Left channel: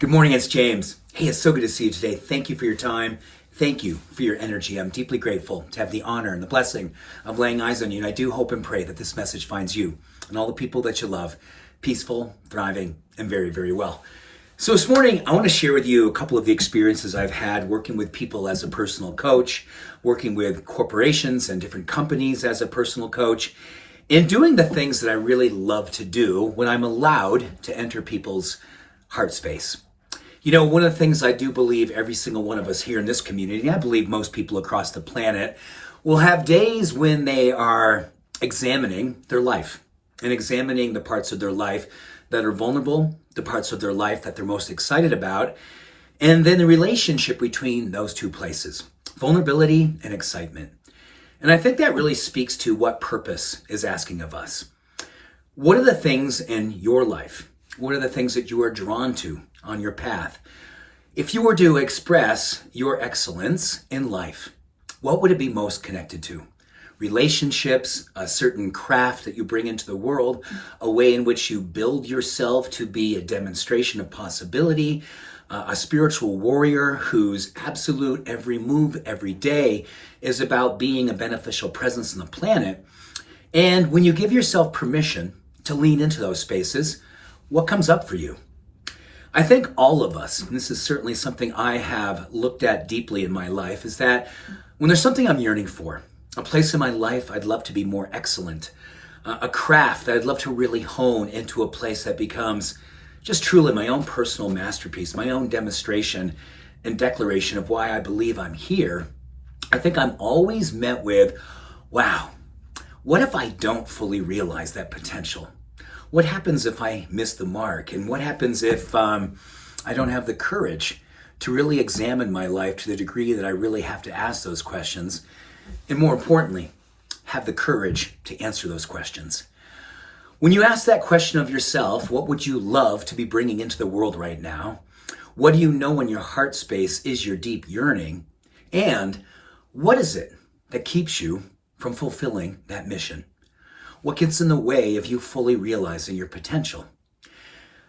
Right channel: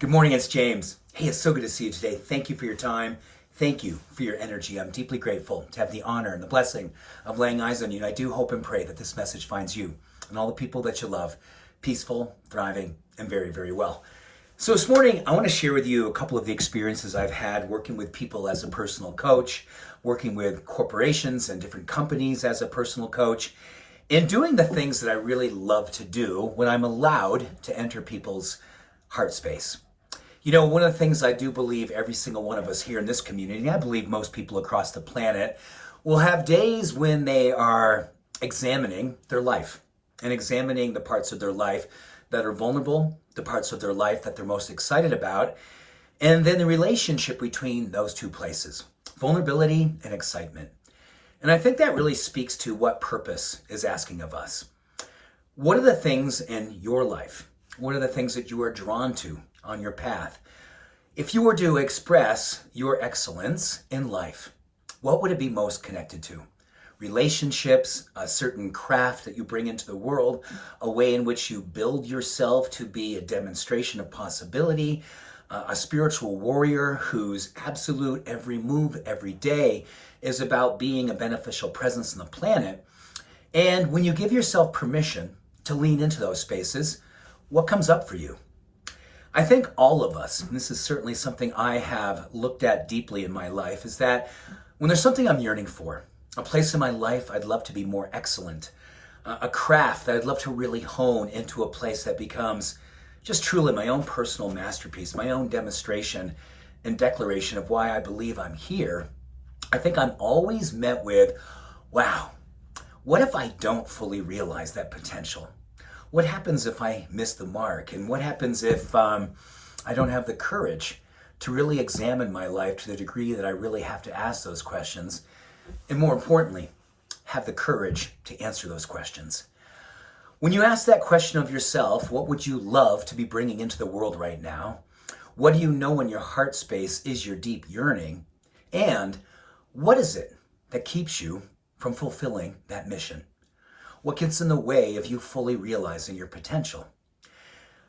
Good morning, it's James. Hey, it's so good to see you today. Thank you for your time. Thank you for your energy. I'm deeply grateful to have the honor and the blessing of laying eyes on you. And I do hope and pray that this message finds you and all the people that you love peaceful, thriving, and very, very well. So this morning, I want to share with you a couple of the experiences I've had working with people as a personal coach, working with corporations and different companies as a personal coach, and doing the things that I really love to do when I'm allowed to enter people's heart space. You know, one of the things I do believe every single one of us here in this community, and I believe most people across the planet, will have days when they are examining their life and examining the parts of their life that are vulnerable, the parts of their life that they're most excited about, and then the relationship between those two places, vulnerability and excitement. And I think that really speaks to what purpose is asking of us. What are the things in your life? What are the things that you are drawn to on your path? If you were to express your excellence in life, what would it be most connected to? Relationships, a certain craft that you bring into the world, a way in which you build yourself to be a demonstration of possibility, a spiritual warrior whose absolute every move, every day is about being a beneficial presence on the planet. And when you give yourself permission to lean into those spaces, what comes up for you? I think all of us, and this is certainly something I have looked at deeply in my life, is that when there's something I'm yearning for, a place in my life I'd love to be more excellent, a craft that I'd love to really hone into a place that becomes just truly my own personal masterpiece, my own demonstration and declaration of why I believe I'm here, I think I'm always met with, wow, what if I don't fully realize that potential? What happens if I miss the mark? And what happens if I don't have the courage to really examine my life to the degree that I really have to ask those questions? And more importantly, have the courage to answer those questions. When you ask that question of yourself, what would you love to be bringing into the world right now? What do you know in your heart space is your deep yearning? And what is it that keeps you from fulfilling that mission? What gets in the way of you fully realizing your potential?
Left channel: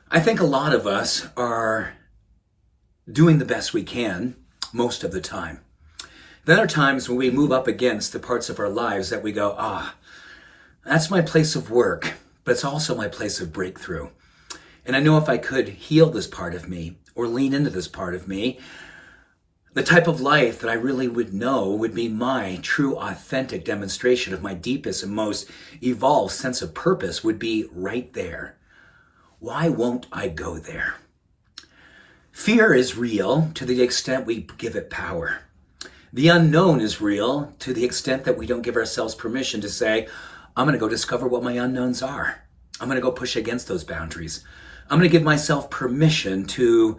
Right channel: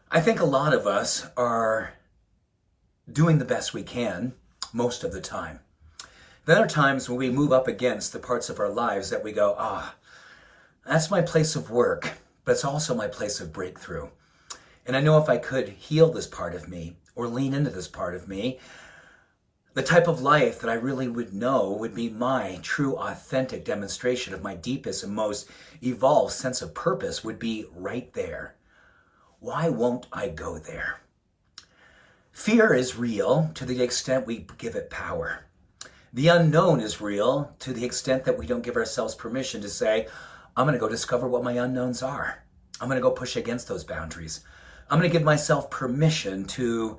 I think a lot of us are doing the best we can most of the time. Then there are times when we move up against the parts of our lives that we go, that's my place of work, but it's also my place of breakthrough. And I know if I could heal this part of me or lean into this part of me, the type of life that I really would know would be my true, authentic demonstration of my deepest and most evolved sense of purpose would be right there. Why won't I go there? Fear is real to the extent we give it power. The unknown is real to the extent that we don't give ourselves permission to say, I'm going to go discover what my unknowns are. I'm going to go push against those boundaries. I'm going to give myself permission to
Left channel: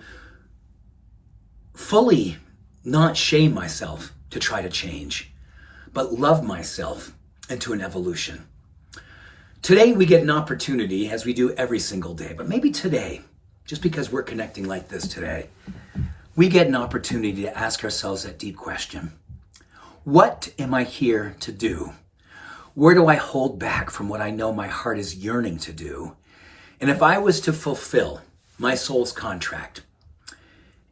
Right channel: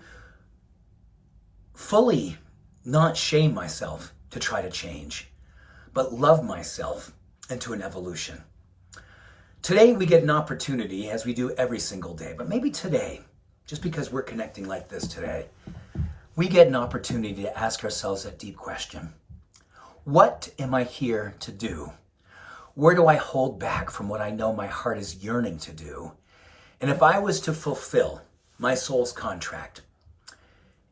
fully not shame myself to try to change, but love myself into an evolution. Today we get an opportunity, as we do every single day, but maybe today, just because we're connecting like this today, we get an opportunity to ask ourselves that deep question. What am I here to do? Where do I hold back from what I know my heart is yearning to do? And if I was to fulfill my soul's contract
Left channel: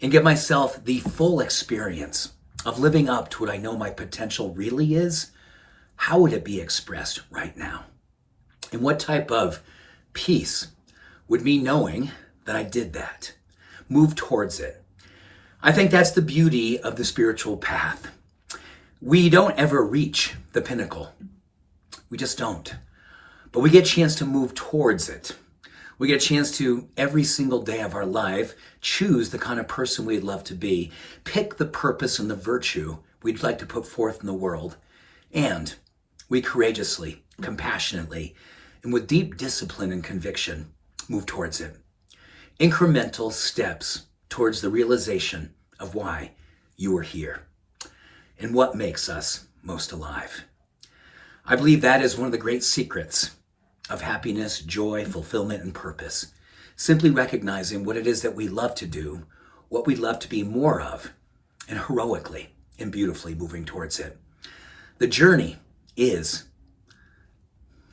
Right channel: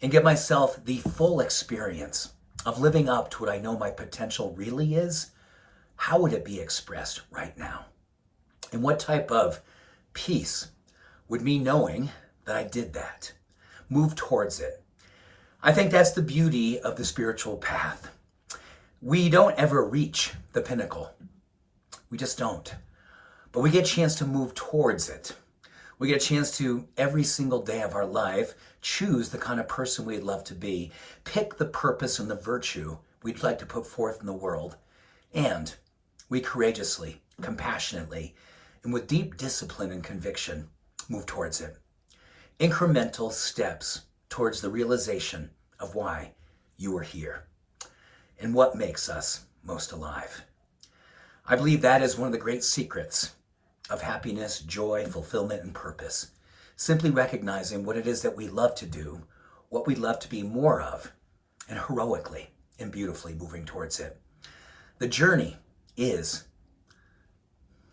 and give myself the full experience of living up to what I know my potential really is, how would it be expressed right now? And what type of peace would me knowing that I did that, move towards it? I think that's the beauty of the spiritual path. We don't ever reach the pinnacle. We just don't. But we get a chance to move towards it. We get a chance to, every single day of our life, choose the kind of person we'd love to be, pick the purpose and the virtue we'd like to put forth in the world, and we courageously, compassionately, and with deep discipline and conviction, move towards it. Incremental steps towards the realization of why you are here and what makes us most alive. I believe that is one of the great secrets of happiness, joy, fulfillment, and purpose. Simply recognizing what it is that we love to do, what we love to be more of, and heroically and beautifully moving towards it. The journey is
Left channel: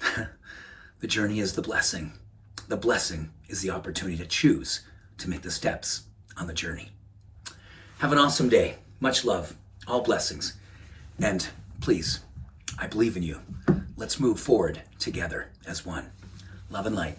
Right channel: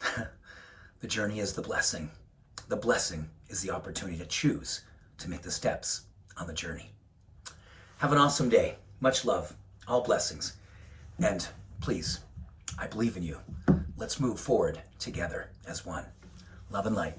the blessing. The blessing is the opportunity to choose to make the steps on the journey. Have an awesome day. Much love, all blessings. And please, I believe in you. Let's move forward together as one. Love and light.